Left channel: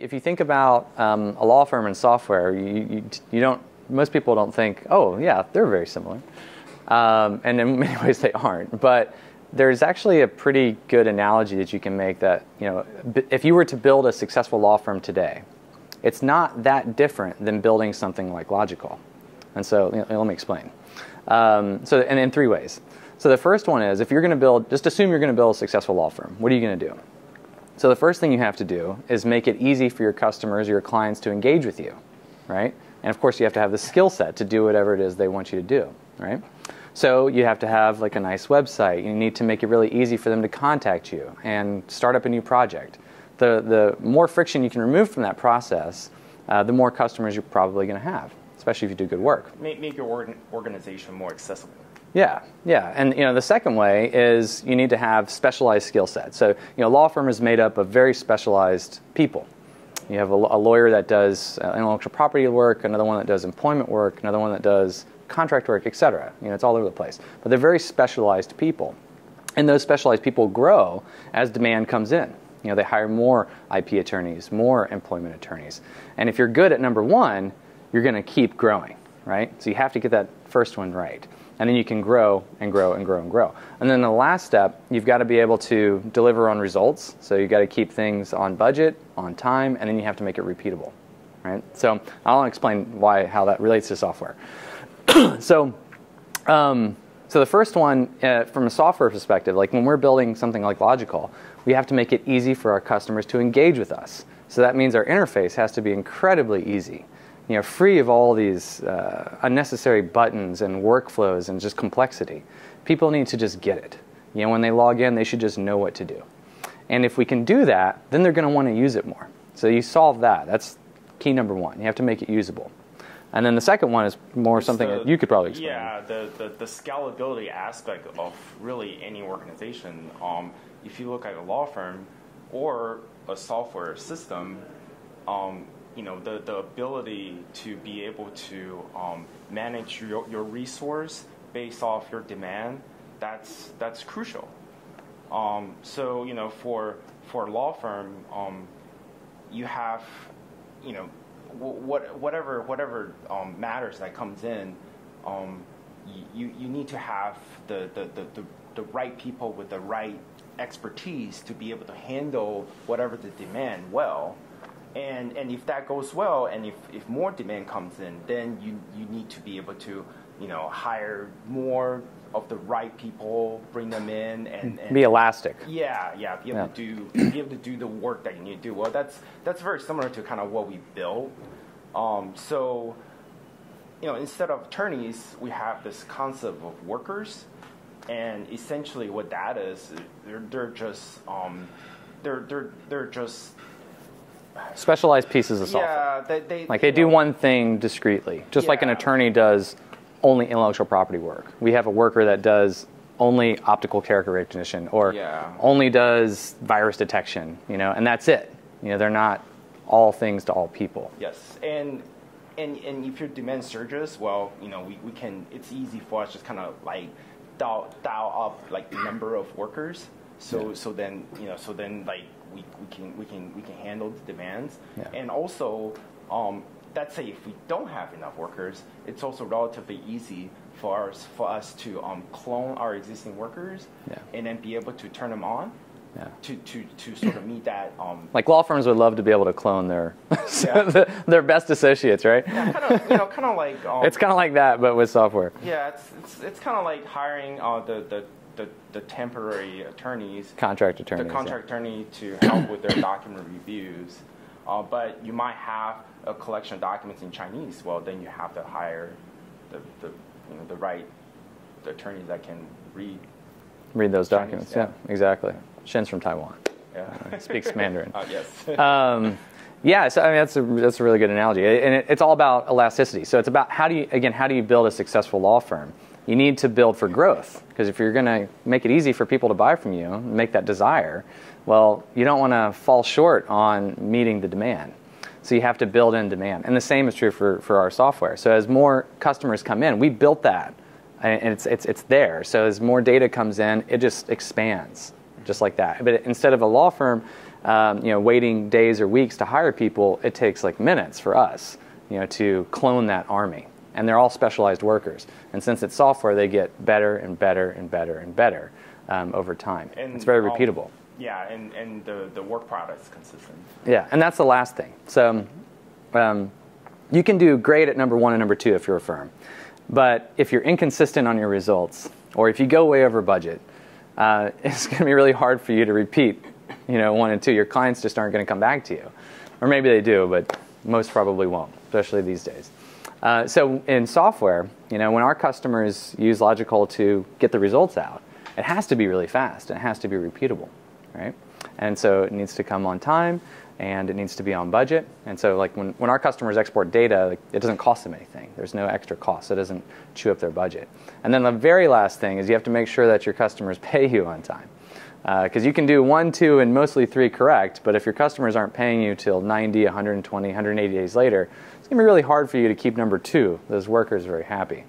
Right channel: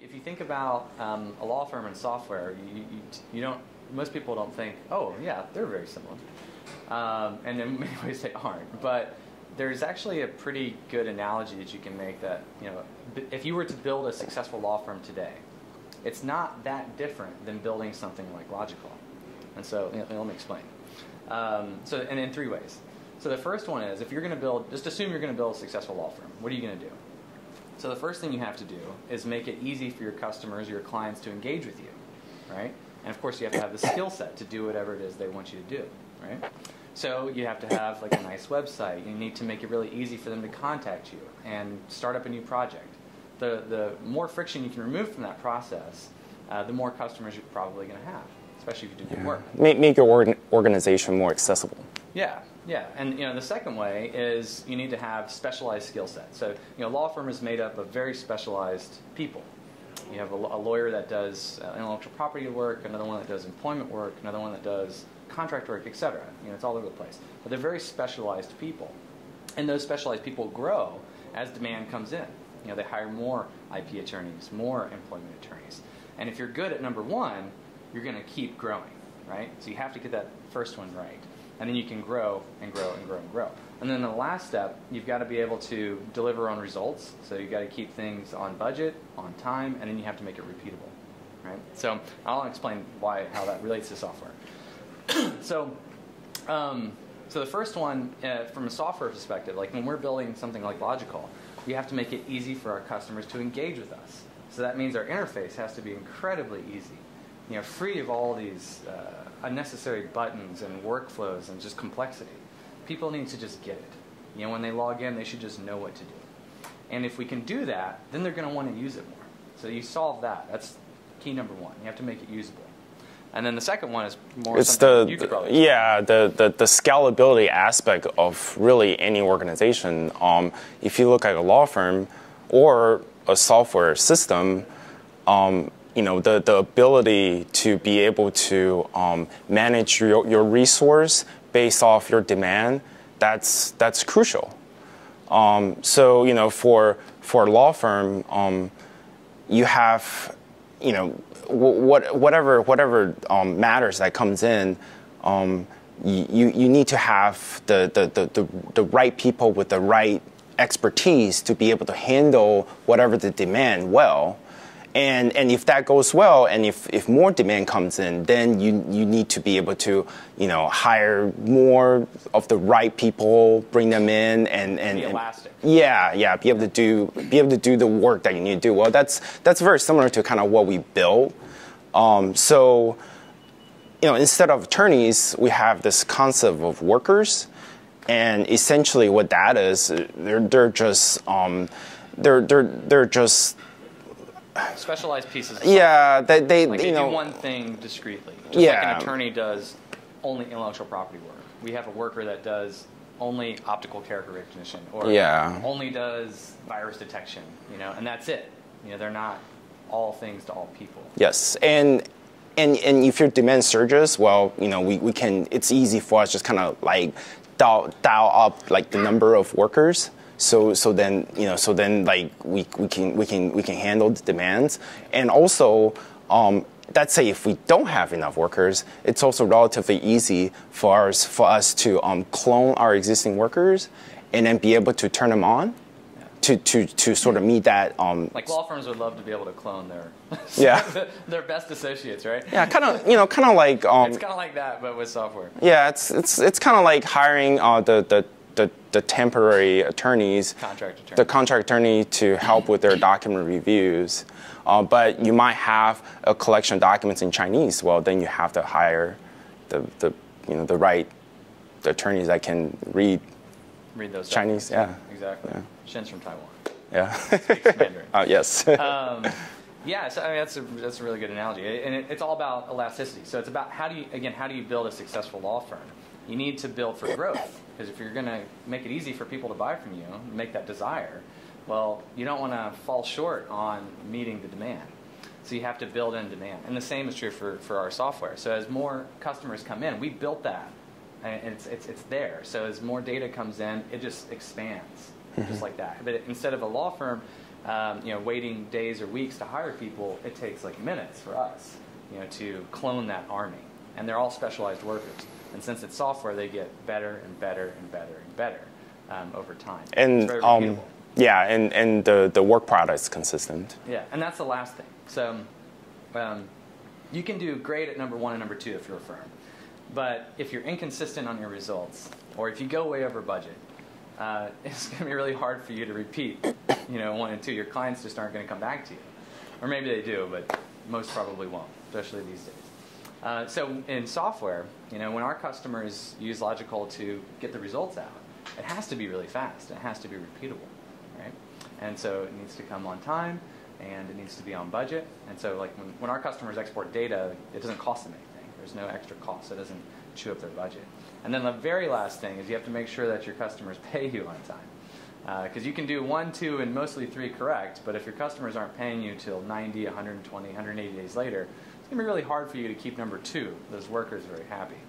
If you think about a law firm and software, most people don't think, oh yeah, they're very similar. And in many ways they aren't. But there's actually a pretty good analogy that you can make that, if you were to build a successful law firm today, it's not that different than building something like Logikcull. And so let me explain. And in three ways. So the first one is, if you're going to build, just assume you're going to build a successful law firm. What are you going to do? So the first thing you have to do is make it easy for your customers or your clients to engage with you, right? And of course you have to have the skill set to do whatever it is they want you to do, right? So you have to have like a nice website. You need to make it really easy for them to contact you and start up a new project. The more friction you can remove from that process, the more customers you're probably going to have, especially if you do good work. Make your organization more accessible. Yeah, yeah, and the second way is you need to have specialized skill sets. So a law firm is made up of very specialized people. You have a lawyer that does intellectual property work, another one that does employment work, another one that does contract work, etc. It's all over the place. But they're very specialized people, and those specialized people grow as demand comes in. They hire more IP attorneys, more employment attorneys, and if you're good at number one, you're going to keep growing, right? So you have to get that first one right. And then you can grow and grow and grow and grow. And then the last step, you've got to be able to deliver on results. So you've got to keep things on budget, on time, and then you have to make it repeatable, right? So I'll explain how that relates to software. So the first one, from a software perspective, like when we're building something like Logikcull, we have to make it easy for our customers to engage with us. So that means our interface has to be incredibly easy. Free of all these unnecessary buttons and workflows and just complexity. People need to just get it. When they log in, they should just know what to do. And if we can do that, then they're going to want to use it more. So you solve that. That's key number one. You have to make it usable. And then the second one is more something that you could probably explain. Yeah, the scalability aspect of really any organization. If you look at a law firm or a software system, the ability to be able to manage your resource based off your demand, that's crucial. So for a law firm, you have whatever matters that comes in, you need to have the right people with the right expertise to be able to handle whatever the demand well. And if that goes well, and if more demand comes in, then you need to be able to hire more of the right people, bring them in, and be elastic. Be able to do the work that you need to do. Well, that's very similar to kind of what we built. So instead of attorneys, we have this concept of workers, and essentially what that is, they're just specialized pieces of software. Yeah, they do one thing discreetly, just like an attorney does only intellectual property work. We have a worker that does only optical character recognition, or only does virus detection, and that's it. They're not all things to all people. Yes, and if your demand surges, well, we can. It's easy for us just kind of like dial up like the number of workers. So then like we can handle the demands, and also let's say if we don't have enough workers, it's also relatively easy for us to clone our existing workers and then be able to turn them on to sort of meet that. Like law firms would love to be able to clone their their best associates, right? Yeah, kind of like it's kind of like that, but with software. Yeah, it's kind of like hiring the temporary attorneys, the contract attorney to help with their document reviews. But you might have a collection of documents in Chinese. Well, then you have to hire the right attorneys that can read those Chinese. Documents. Yeah, exactly. Shen's from Taiwan. Yeah, speaks Mandarin. Yes. Yeah, so I mean that's a really good analogy, and it's all about elasticity. So it's about how do you build a successful law firm? You need to build for growth, because if you're going to make it easy for people to buy from you, make that desire, well, you don't want to fall short on meeting the demand. So you have to build in demand, and the same is true for our software. So as more customers come in, we built that, and it's there. So as more data comes in, it just expands, just like that. But instead of a law firm waiting days or weeks to hire people, it takes like minutes for us, to clone that army. And they're all specialized workers. And since it's software, they get better and better and better and better over time. And it's very repeatable. Yeah, and the work product is consistent. Yeah, and that's the last thing. So you can do great at number 1 and number 2 if you're a firm. But if you're inconsistent on your results, or if you go way over budget, it's going to be really hard for you to repeat 1 and 2. Your clients just aren't going to come back to you. Or maybe they do, but most probably won't, especially these days. So in software, when our customers use Logikcull to get the results out, it has to be really fast. It has to be repeatable, right? And so it needs to come on time, and it needs to be on budget. And so like when our customers export data, it doesn't cost them anything. There's no extra cost. It doesn't chew up their budget. And then the very last thing is you have to make sure that your customers pay you on time. Because you can do 1, 2, and mostly 3 correct, but if your customers aren't paying you till 90, 120, 180 days later, it's going to be really hard for you to keep number 2, those workers, very happy,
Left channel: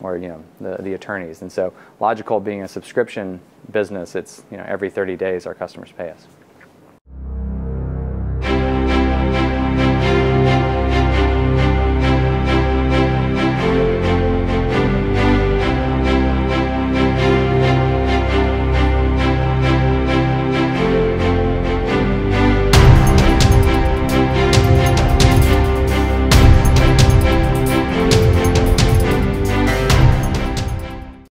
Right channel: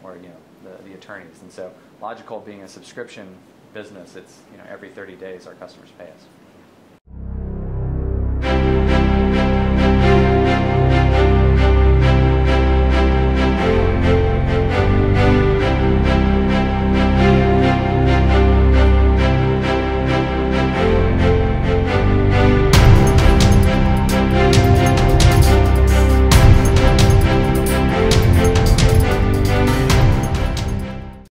or the attorneys. And so Logikcull being a subscription business, it's every 30 days our customers pay us.